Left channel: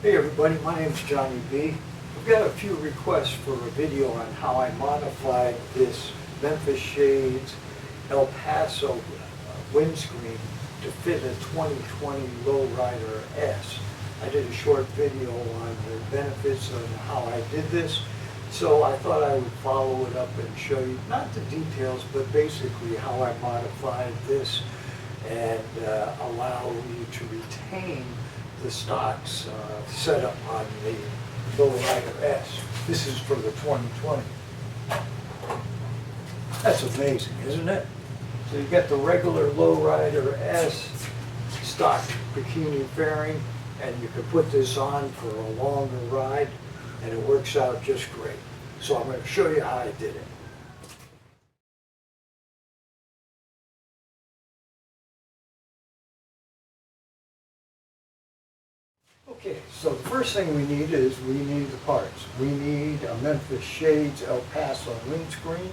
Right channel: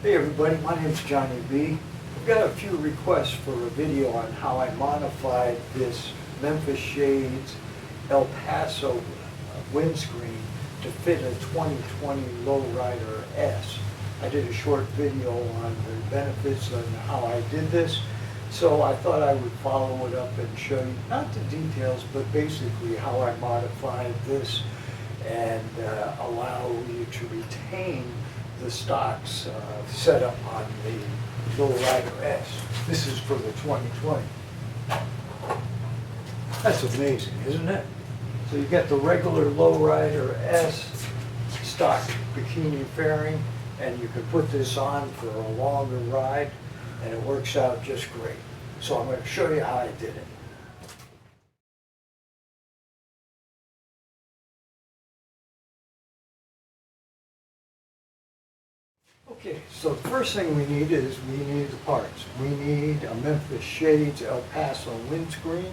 Hey everybody, my name is Johnny B. We've got a few requests for a video on how I modified this Memphis Shades El Paso windscreen to fit a 2020 Lowrider S. I did a short video on the benefits of how I did this, so I thought I would follow it up and show you, not the details, but basically how I modified this and allow you to retain the stocks setup on the Lowrider S. This is for the 2020. That's amazing, isn't it? So you get the regular Lowrider S stock bikini fairing, and you can put this on for a longer ride, and it works out just great. So I'm going to show you how I did it. Okay, so the first thing we need is the parts. We need a Memphis Shades El Paso windscreen.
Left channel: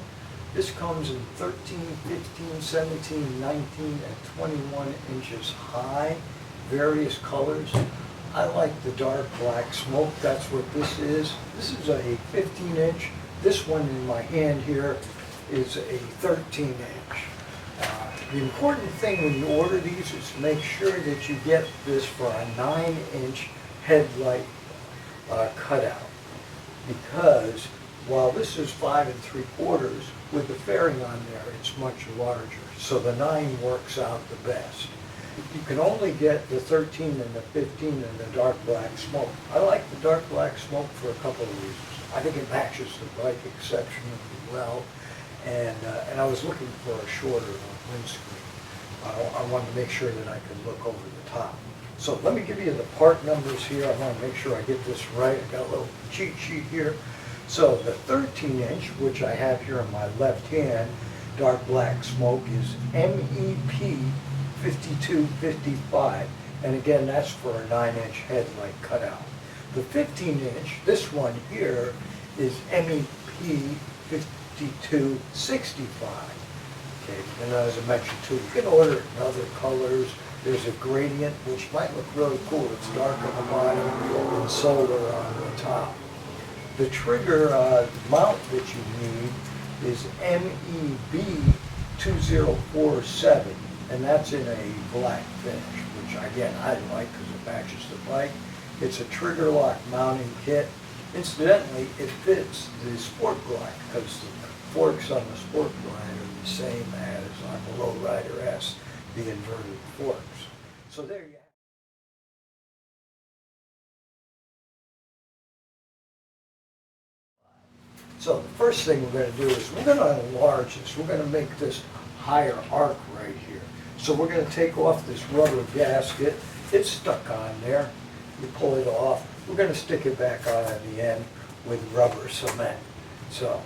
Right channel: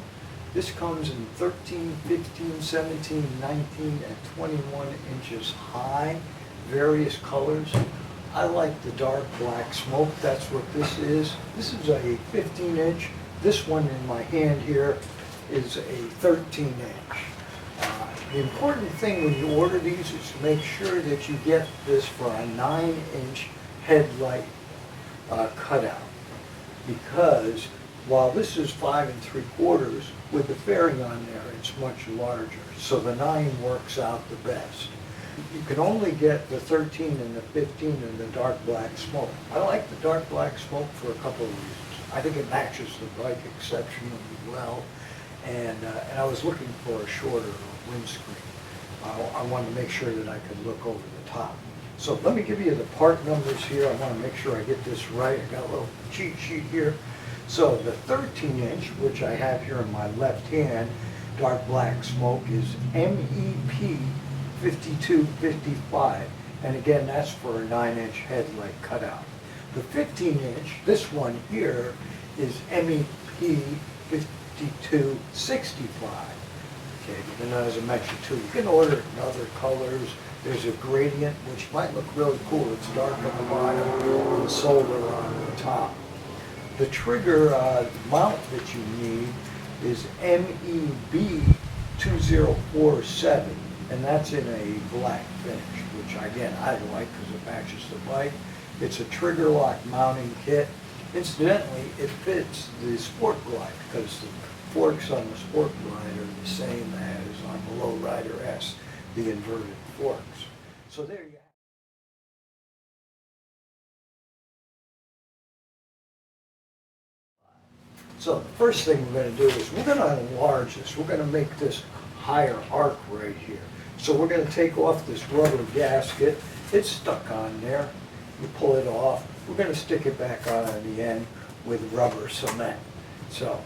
This comes in 13, 15, 17, 19, and 21 inches high, various colors. I like the dark black smoke, that's what this is. This is a 15-inch. This one in my hand here is a 13-inch. The important thing when you order these is to make sure that you get this for a 9-inch headlight cutout, because while this is 5 3/4, with the fairing on there it's much larger, so the 9 works out the best. You can only get the 13 and the 15 and the dark black smoke. I like the dark black smoke for a couple of reasons. I think it matches the bike exceptionally well, and I was looking for a shorter windscreen. I wanted to make sure that I could look over the top. So let me give you the part numbers here. I want to make sure I get this right. I got a little cheat sheet here. So the 13-inch, which I have here in my left hand, dark black smoke, is MEP 5255. And again, that's for a 9-inch headlight cutout. The 15-inch, this one here, is MEP 5265. Okay, and as I mentioned too, you can order it in other colors. There's a gradient, which might look really cool. It's dark on the bottom and solar on the top. The trigger mount that you need is MEB 2047, and that's in a black finish, which again I like because it matches the bike. It's a trigger lock mounting kit. Incidentally, it fits the Sport Glide because the forks on the Sport Glide are the same as on the Lowrider S, the inverted forks. So there you have it. So the first thing we're going to do is we're going to enlarge this. We're going to make this higher arc right here. So we're going to take off this rubber gasket. It's stuck on there. You pull it off. We're going to stick it back on the end with rubber cement. So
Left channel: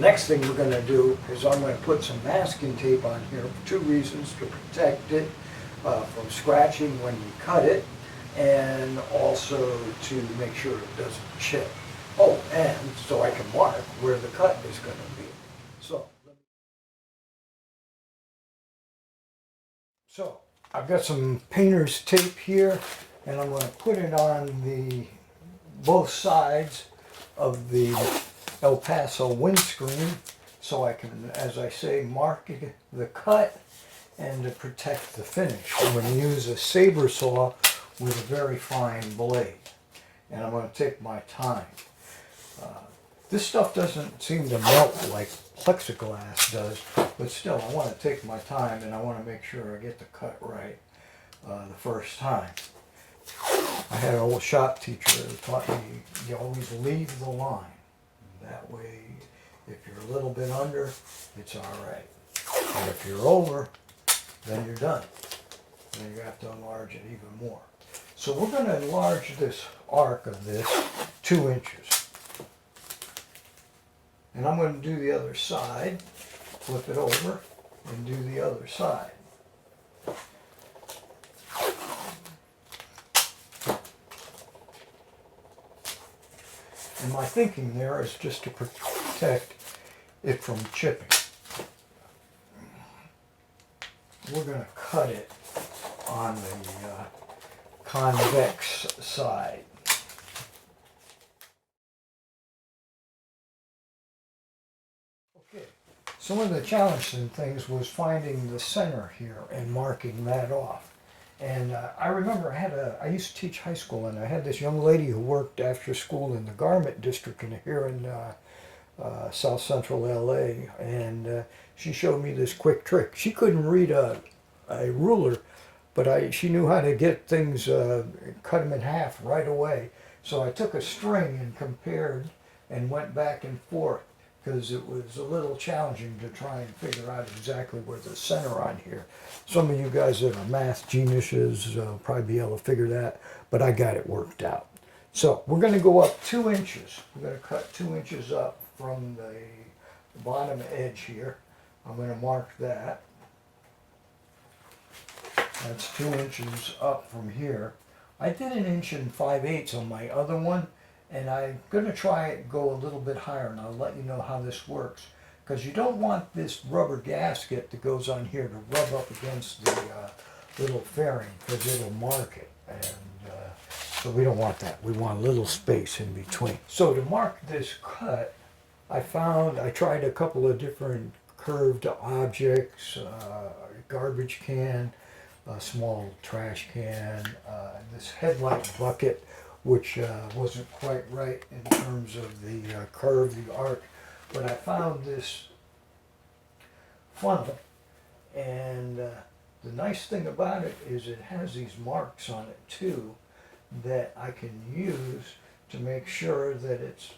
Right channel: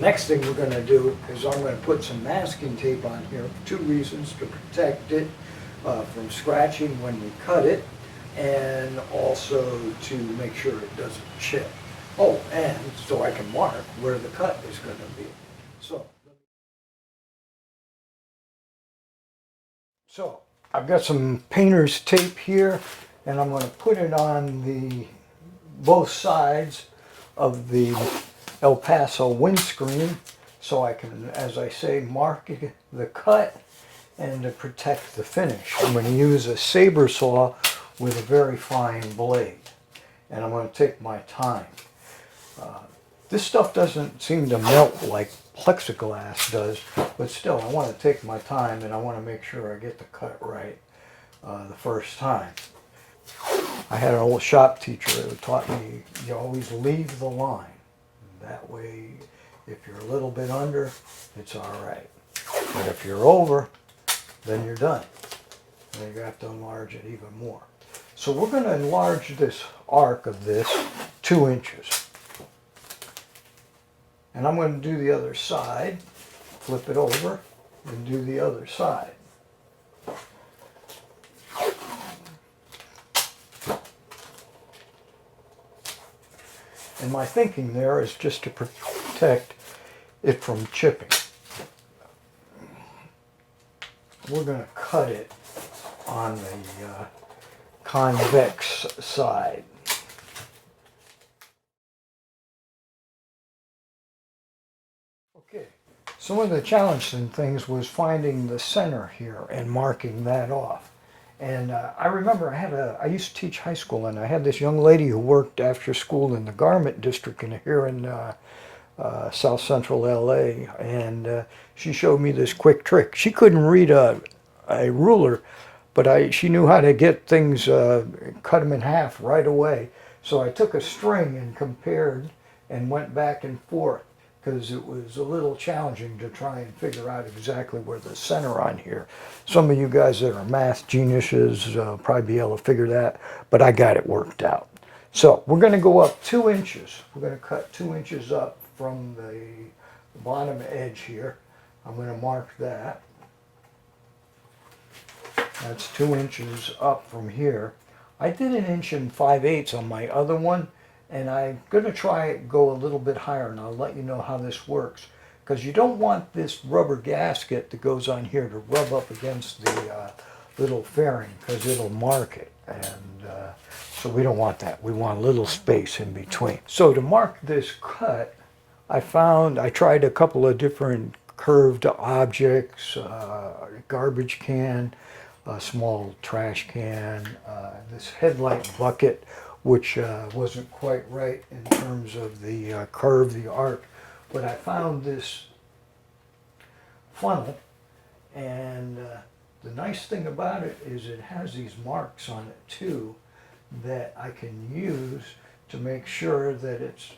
next thing we're going to do is I'm going to put some masking tape on here for 2 reasons: to protect it from scratching when we cut it, and also to make sure it doesn't chip. Oh, and so I can mark where the cut is going to be. So I've got some painter's tape here, and I'm going to put it on the both sides of the El Paso windscreen, so I can, as I say, mark the cut and to protect the finish. I'm going to use a saber saw with a very fine blade, and I'm going to take my time. This stuff doesn't seem to melt like plexiglass does, but still I want to take my time, and I want to make sure I get the cut right the first time. I had an old shop teacher who taught me you always leave the line. That way, if you're a little bit under, it's all right. But if you're over, then you're done. Then you have to enlarge it even more. So we're going to enlarge this arc of this 2 inches. And I'm going to do the other side, flip it over, and do the other side. And my thinking there is just to protect it from chipping. We're going to cut it on the convex side. So one of the challenging things was finding the center here and marking that off. And I remember I used to teach high school, and I had this young lady who worked after school in the garment district here in South Central LA, and she showed me this quick trick. She couldn't read a ruler, but she knew how to get things, cut them in half right away. So I took a string and compared and went back and forth, because it was a little challenging to try and figure out exactly where the center on here. Some of you guys that are math geniuses probably be able to figure that, but I got it worked out. So we're going to go up 2 inches. We're going to cut 2 inches up from the bottom edge here. I'm going to mark that. That's 2 inches up from here. I did 1 5/8 inches on my other one, and I'm going to try it go a little bit higher, and I'll let you know how this works. Because you don't want this rubber gasket that goes on here to rub up against the little fairing, because it'll mark it. And so we don't want that. We want a little space in between. So to mark this cut, I tried a couple of different curved objects, garbage can, a small trash can, this headlight bucket, which wasn't quite right in terms of the curve, the arc. But I found this funnel, and the nice thing about it is it has these marks on it too that I can use to make sure that it's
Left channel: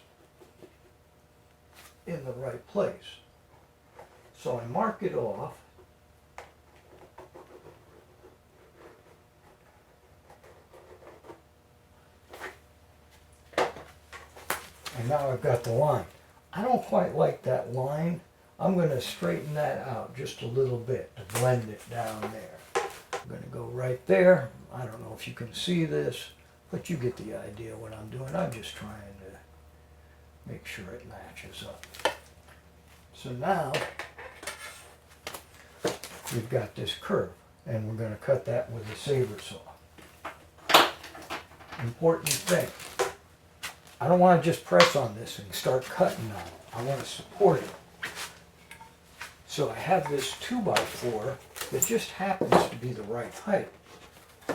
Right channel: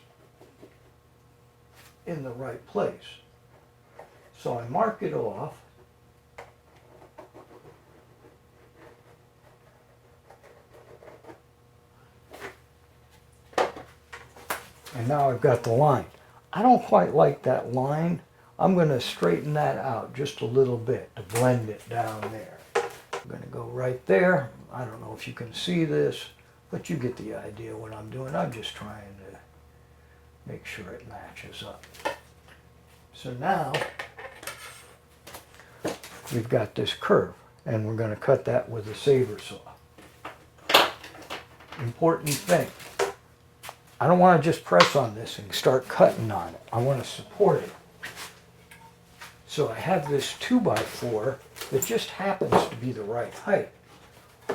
in the right place. So I mark it off. And now I've got the line. I don't quite like that line. I'm going to straighten that out just a little bit to blend it down there. I'm going to go right there. I don't know if you can see this, but you get the idea what I'm doing. I'm just trying to make sure it matches up. So now we've got this curve, and we're going to cut that with a saber saw. Important thing. I don't want to just press on this and start cutting on it. I want to support it. So I have this 2x4 that just happens to be the right height.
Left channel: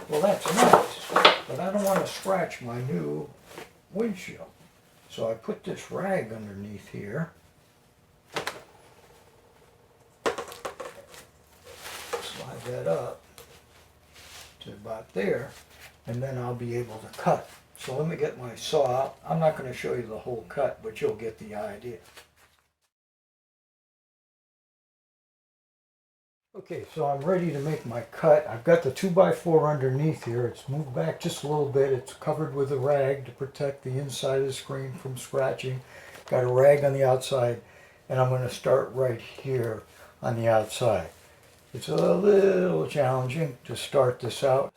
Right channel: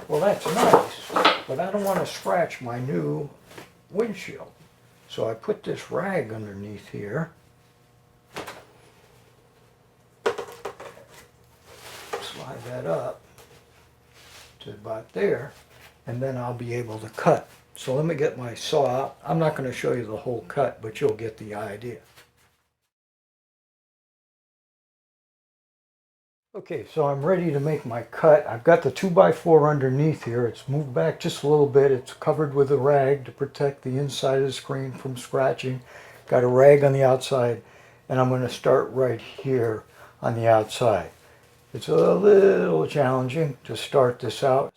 Well, that's nice, but I don't want to scratch my new windshield. So I put this rag underneath here. Slide that up to about there, and then I'll be able to cut. So let me get my saw out. I'm not going to show you the whole cut, but you'll get the idea. Okay, so I'm ready to make my cut. I've got the 2x4 underneath here. It's moved back just a little bit. It's covered with a rag to protect the inside of the screen from scratching. Got a rag on the outside, and I'm going to start right here on the outside. It's a little challenging to start this out.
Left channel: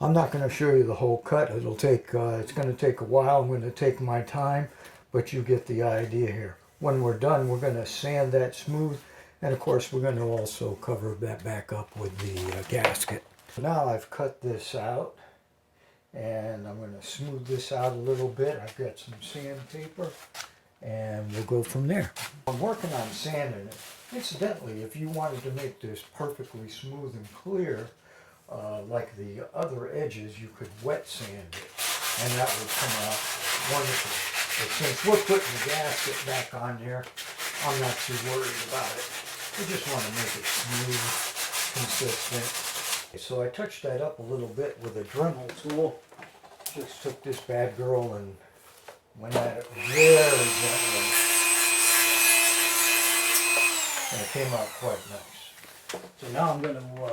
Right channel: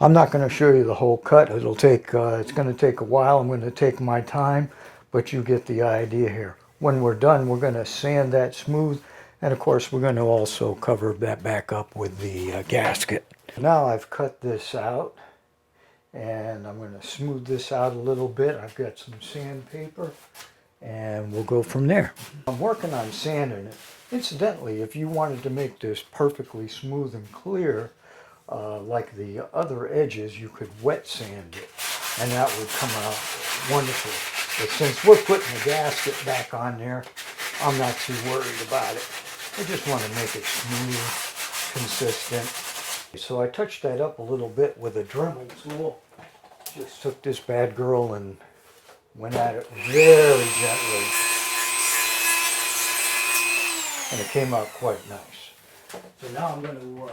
I'm not going to show you the whole cut. It's going to take a while. I'm going to take my time, but you get the idea here. When we're done, we're going to sand that smooth, and of course we're going to also cover that back up with the gasket. Now I've cut this out, and I'm going to smooth this out a little bit. I've got some sandpaper, and we'll go from there. I'm working on sanding it. Incidentally, if you wanted to make this perfectly smooth and clear, like the other edges, you could wet sand it, and that would come out wonderful. But since we're putting the gasket back on there, I'm not too worried about it. I just want to make it smooth, consistent. So I touched that up a little bit with a Dremel tool. Just took this bad girl and went at it very gently, and it came out quite nice. So now I'm going to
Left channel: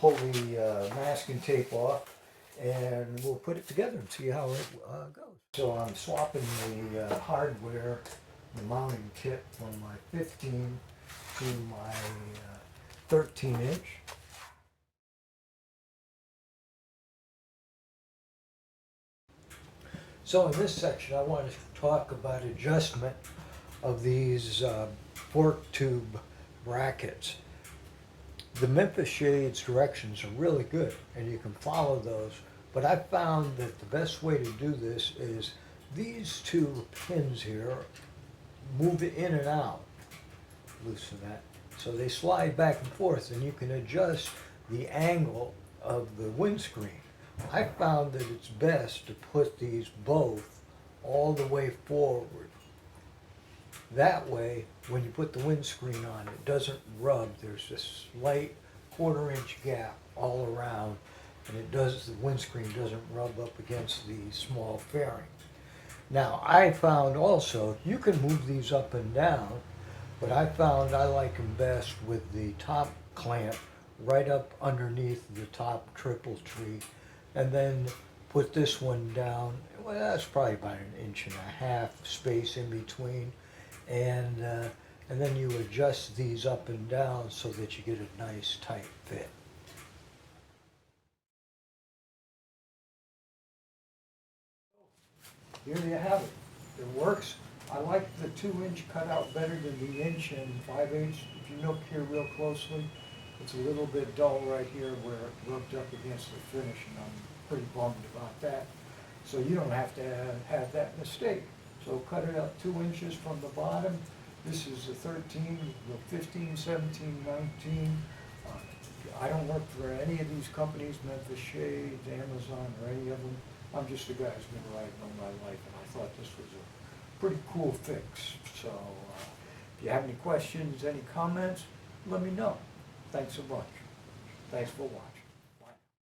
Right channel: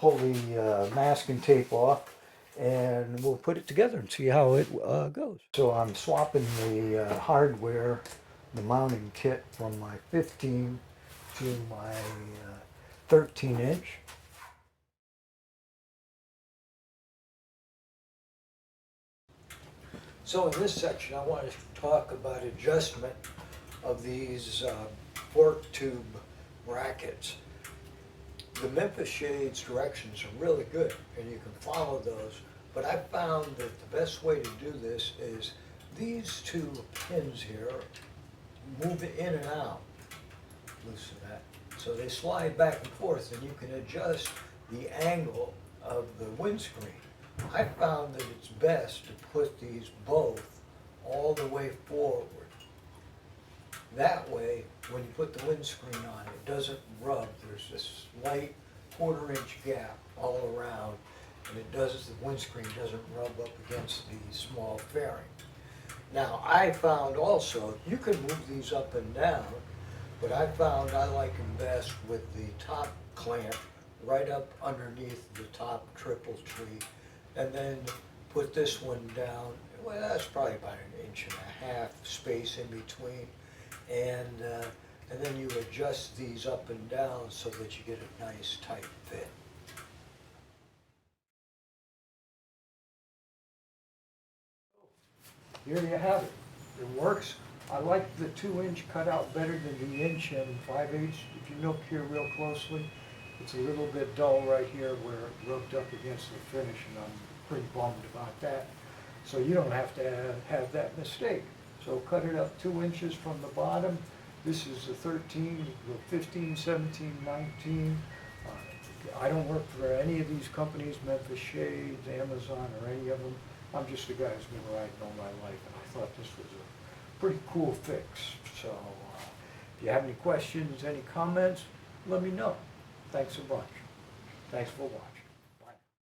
pull the masking tape off, and we'll put it together and see how it goes. So I'm swapping the hardware, the mounting kit, from my 15 to my 13 inch. So in this section, I want to talk about adjustment of these fork tube brackets. The Memphis shades directions are really good, and you can follow those. But I found that the best way to do this is these two pins here, move it in and out, loosen that, so they slide back and forth, and you can adjust the angle of the windscreen. I found that it's best to put these both all the way forward. That way, when you put the windscreen on, it doesn't rub. There's this slight quarter-inch gap all around, and the windscreen doesn't rub up against the small fairing. Now, I found also, you can move these up and down, but I found I like them best with the top clamp right up underneath the top triple tree, and then put this one down. Well, that's probably about 1.5 inches space in between, and then you adjust these up and down so that you get a nice tight fit. Here you have it. It works. I like the 2-inch cutout better than the 1 5/8. If you look here real closely, it's a little bit dull right here where it rubbed up against the finish, and I'm pretty bummed about that. So you don't have to have that mistake. So cut it up 2 inches from the bottom. This is a 13, 15, 17, 19. I don't work for any of these companies, Memphis Shades, Amazon, or any of them. I'm just a guy who's been riding all my life, and I thought this was a pretty cool fix. So if you have any questions, any comments, let me know. Thanks a bunch. Thanks for watching.